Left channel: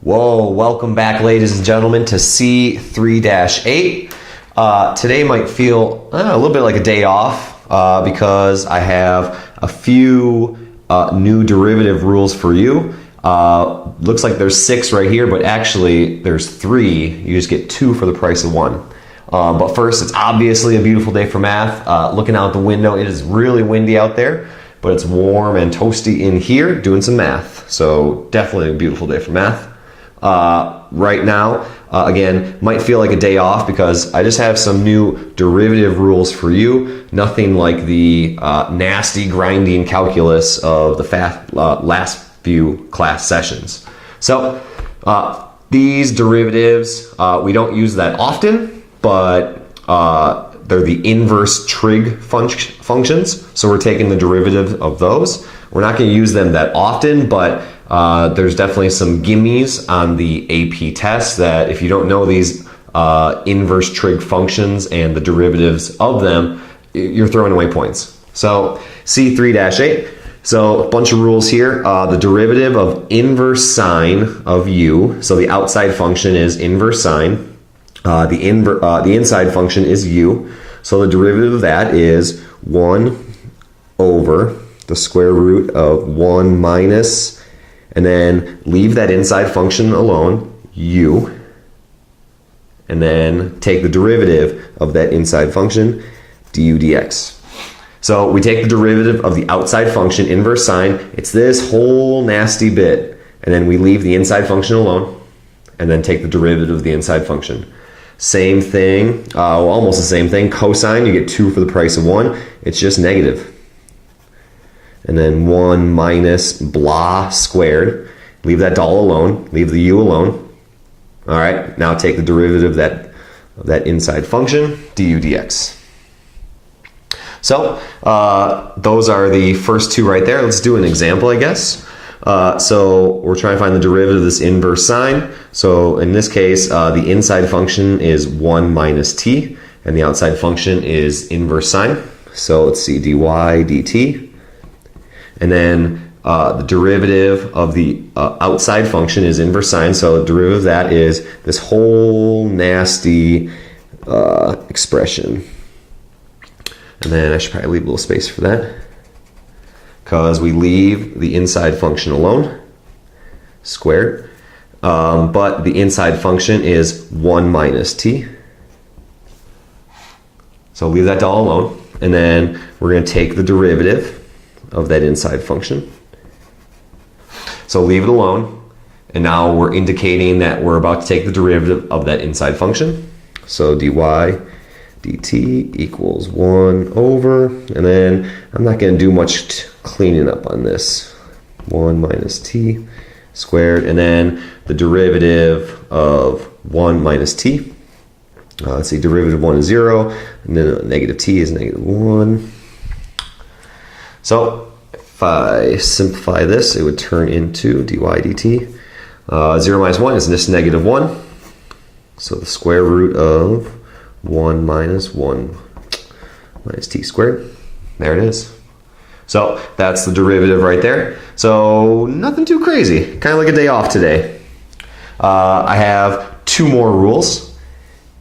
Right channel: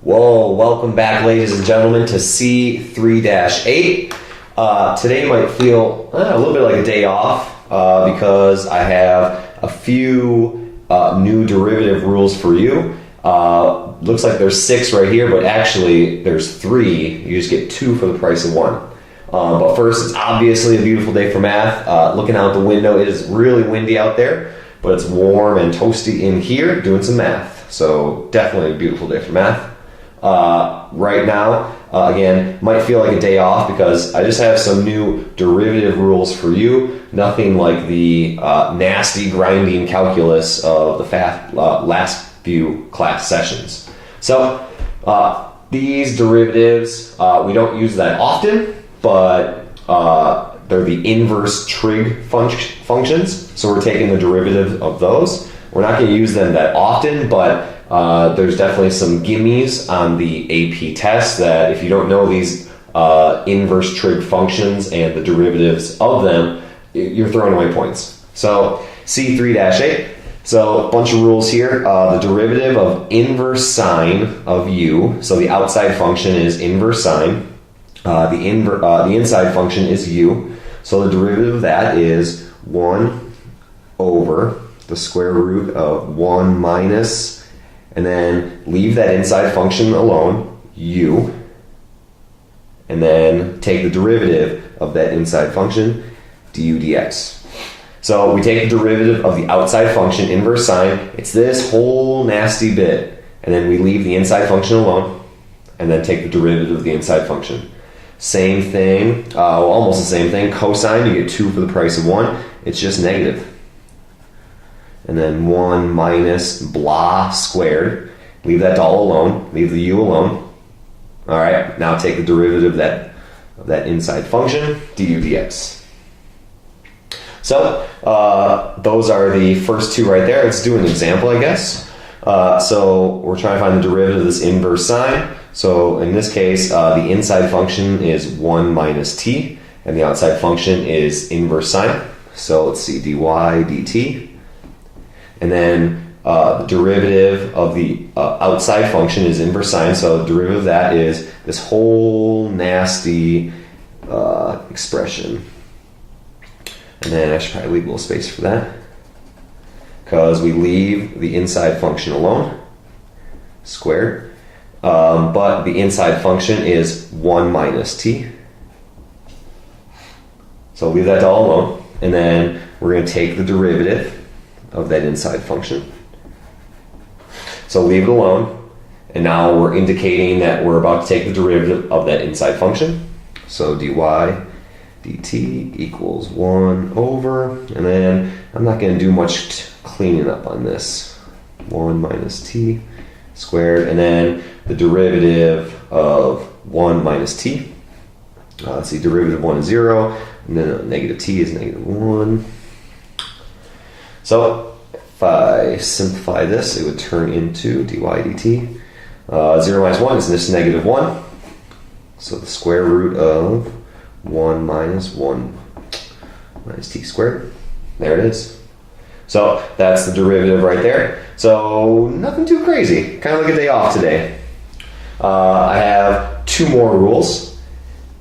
Whoa, welcome back, ladies and gentlemen, to C3-8. Today might feel a little bit like a day off because I have a few new derivative rules for you. Looks like there's 6 right here, but actually there's 3. You just get 2 for the price of 1. But first, it's obviously a beautiful day for math. Looking out the window, it is really windy out there, but it's warm and toasty in here doing some math. So definitely a beautiful day for math. Right now, again, might feel like a day off because I just have some new derivative rules for you. Nothing like the nasty grinding calculus of the last few class sessions. So these derivatives, we don't use that often, but they're the inverse trig functions. So we're taking the derivative of those. We're not going to use them that often, but there's definitely some gimmies on the AP test that if you don't know these inverse trig functions and the derivatives of them, you're throwing away points. So C3-8. So a bunch of rules here. The derivative of inverse sine of u. So the outside function is inverse sine. The inside function is u. So the derivative of that is 1 over the square root of 1 minus, and then leave that inside function alone, u, and then take the derivative of that inside function, du dx. So we take the derivative of the outside function, inverse sine, it's this whole nasty bit, and then we leave the inside function alone, and then take the derivative of the inside function. Same thing, almost the same thing, cosine, you get 2 for the price of 1, it's just negative. And then 1 minus blah squared. Leave that all alone. Leave the u alone. All right, now take the derivative of that inside function, du dx. So those are the first 2 right there. Let's do an example, I guess. So we're trying to find the derivative of this inverse sine. So in this case, the inside function is 1 minus t, and the outside function is inverse sine. So let's see, dy dt. And then the derivative of the outside function is inverse sine, so the derivative of that is this whole nasty expression. And then I should probably leave a little space for that, because we leave the inside function alone, squared. But the inside function is 1 minus t. So leave that all alone. And then we're going to take the derivative of that inside function. So leave it alone, and now we're indicating that we're about to take the derivative of that inside function. So dy dt equals 1 over, and then I'm not going to do much cleaning up on this. 1 minus t squared, and then the derivative of 1 minus t. Let's see, derivative of 1 is 0, and then negative t is negative 1. So if I simplify this, it would turn into dy dt. 0 minus 1 is just negative 1. So the square root of 1 minus 1 minus t squared. There it is. So that's the derivative right there. So nothing too crazy. Kind of like a day off today. I have 2 more rules.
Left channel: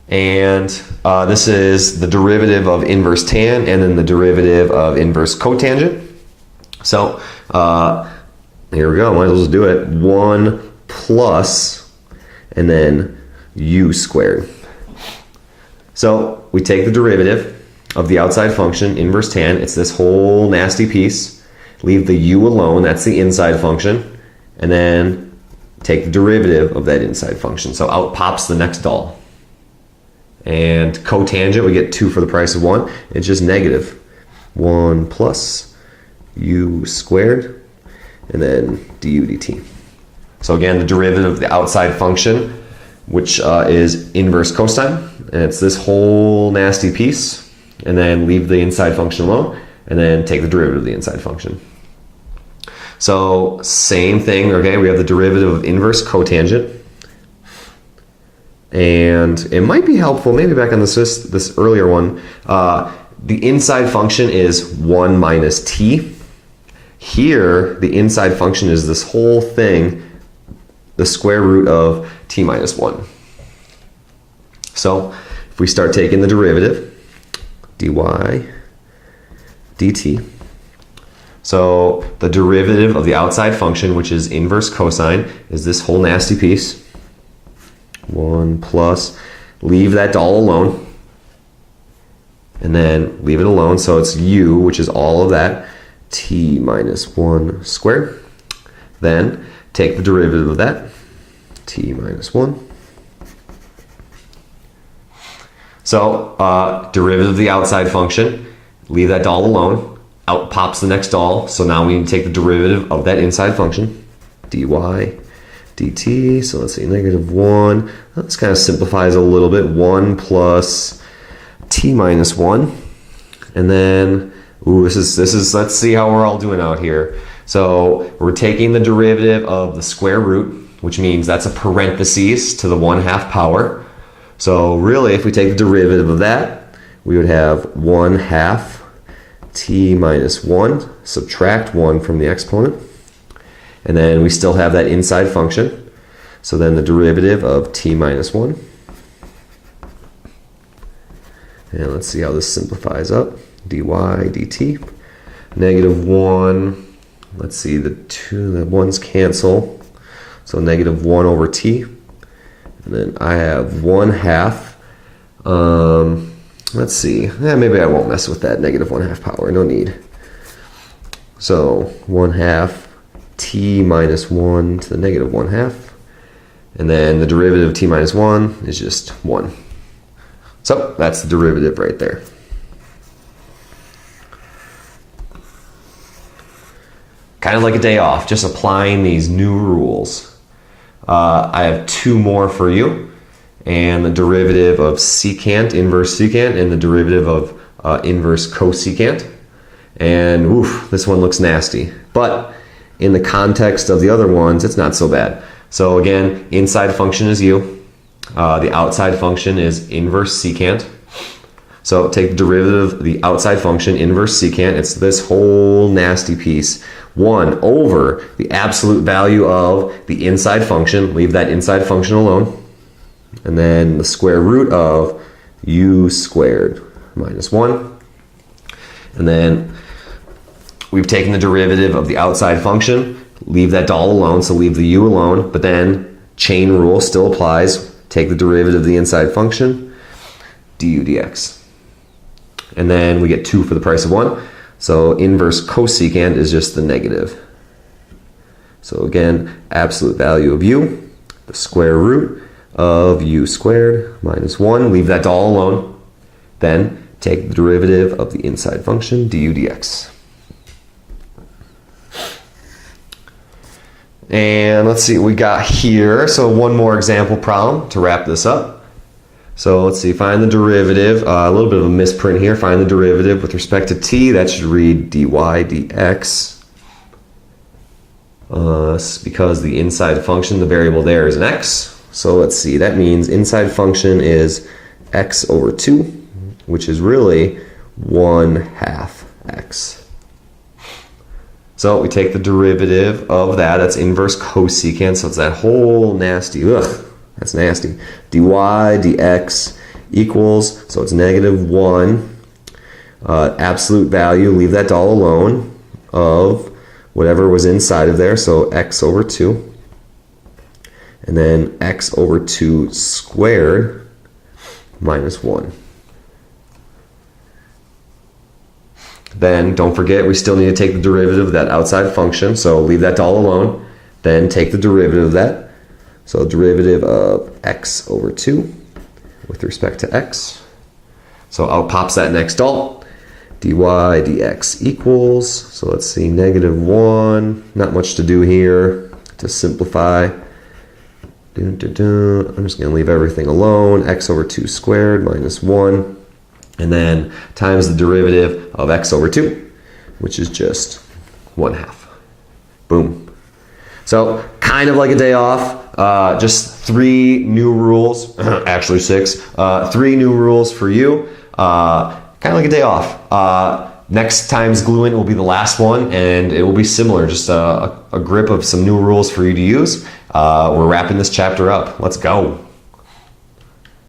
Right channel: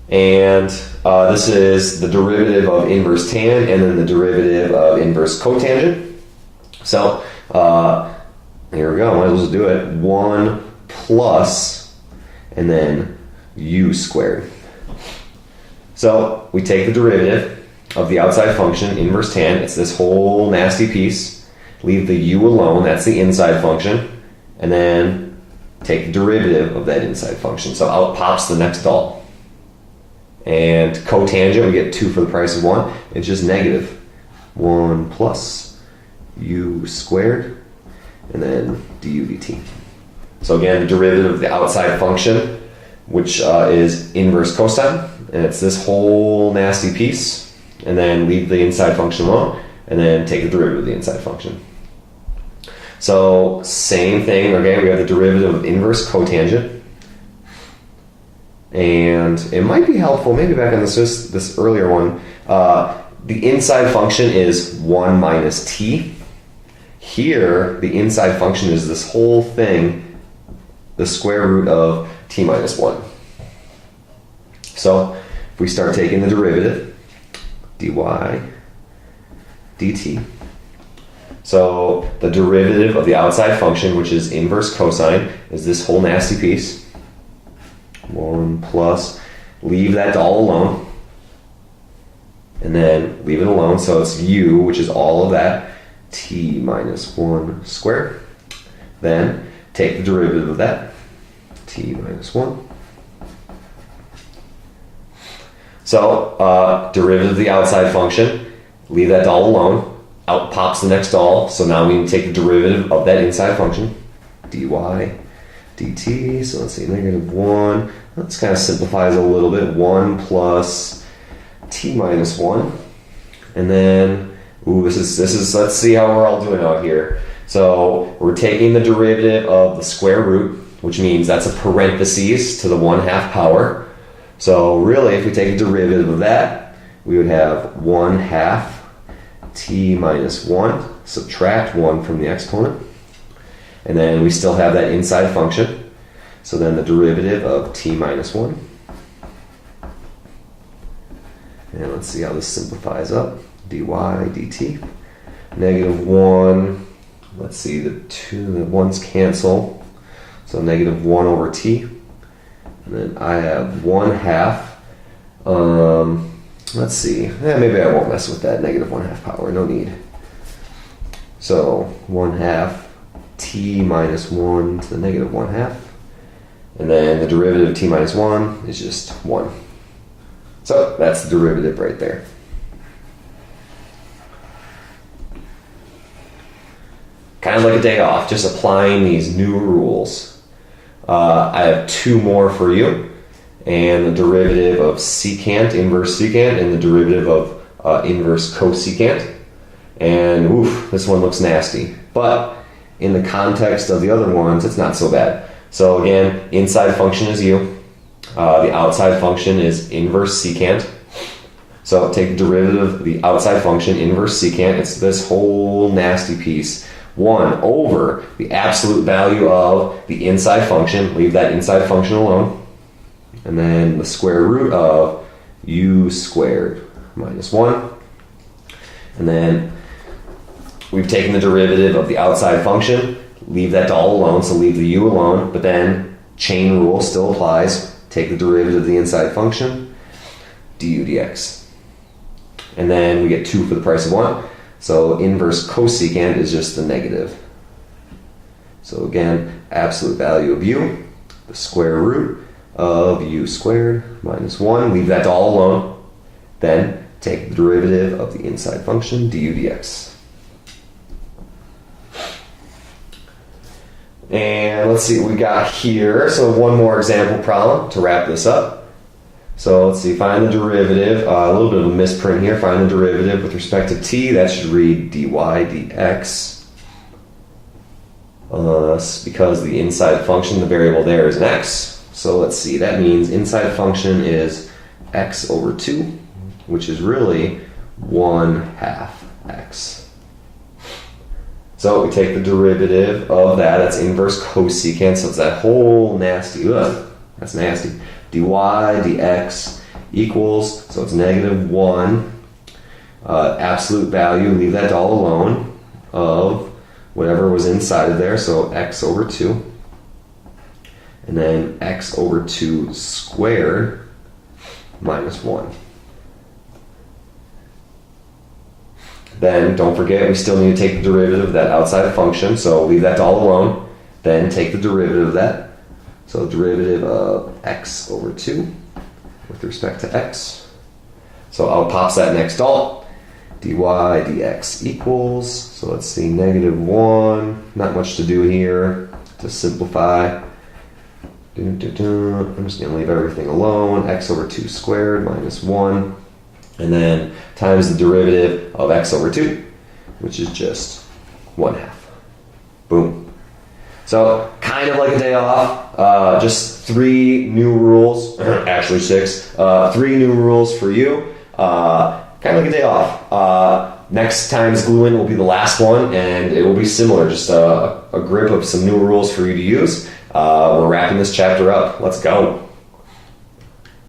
And this is the derivative of inverse tan and then the derivative of inverse cotangent. So here we go, might as well just do it. 1 plus and then u squared. So we take the derivative of the outside function, inverse tan, it's this whole nasty piece. Leave the u alone, that's the inside function. And then take the derivative of that inside function. So out pops the next doll. And cotangent, we get 2 for the price of 1. It's just negative. 1 plus u squared, and then du dt. So again, the derivative of the outside function, which is inverse cosine, and it's this whole nasty piece, and then leave the inside function alone, and then take the derivative of the inside function. So same thing, okay, we have the derivative of inverse cotangent. And it might be helpful, maybe back on this earlier one, the inside function is 1 minus t. Here, the inside function is this whole thing the square root of t minus 1. So if we start taking the derivative, dy dt, so the derivative of the outside function, which is inverse cosine, is this whole nasty piece. 1 plus, leave that all alone, and then leave it alone, so it's u, which is all of that, t minus 1 squared. Then take the derivative of that, t minus 1. So derivative of the outside function, leave that all alone, out pops the next all, so now we need to take the derivative of that inside function, dy dt, so let's see, negative 1, this kind of simplifies a little bit, 1 plus t minus 1, and then, this is, let's see how we're all doing out here. So we're taking the derivative of the square root, which means that's a parentheses to the 1/2 power. So really, if we take the derivative of that, we would have 1/2 t minus 1, subtract 1 from the exponent, and then we still have that inside function. So then the derivative of t minus 1. And let's see how this simplifies up. dy dt. Negative 1. Let's see, the 1's cancel. So negative 1 over t. And then I have 1/2. Let's see. Maybe I won't mess with that negative 1/2 power. No need. So 1/2 t minus 1 to the negative 1/2. And then the derivative of t minus 1 is just 1. So that's the derivative right there. Kind of like a day off, just applying these new rules. I have 2 more for you, and the derivative of secant, inverse secant, and the derivative of inverse cosecant. And oof, this one looks nasty. But in the context of the other ones, it's not so bad. So again, inside function is u. The outside function is inverse secant. So take the derivative of the outside function, inverse secant. It's this whole nasty piece. 1 over the absolute value of the inside function. Leave that inside function alone. And then the square root of u squared minus 1. And then we've taken the derivative of the outside function. Leave that all alone, so leave the u alone. But then chain rule still applies. Take the derivative of the inside function, du dx. And then we get 2 for the price of 1. So inverse cosecant is just the negative. So again, absolute value of u, the square root of u squared minus 1. Leave that all alone. Then take the derivative of the inside function, du dx. And let's see what we got here. So one more example problem to wrap this up. So let's see, find the derivative, a little bit of a misprint here, find the derivative with respect to t, that should read dy dx, because the inside function, the variable there is an x. So let's see, that means inside function is x over 2, which is really 1/2 x. So we take the derivative of that, that's inverse cosecant, so it's that whole nasty, that's nasty. dy dx equals, so it's negative 1, absolute value, leave that all alone, of whatever was inside of there, so x over 2. And then x over 2 squared minus 1. Then don't forget we still need to take the derivative of that outside function, so leave that all alone. Then take the derivative of that. So derivative of x over 2 with respect to x. So out pops that next alt. dy dx equals, so let's see, negative 1. Not much to do here to simplify. I'm just going to leave everything alone. X over 2 squared minus 1. And then times the derivative of x over 2, which is just 1/2. Boom. So kind of like a day off, just 3 new rules, actually 6, 3 new rules for you, kind of like a day off. Next time's glue-in will be the last one, and it will be similar, just a grip of some new rules for you to use, we're wrapping this chapter up. Let's go.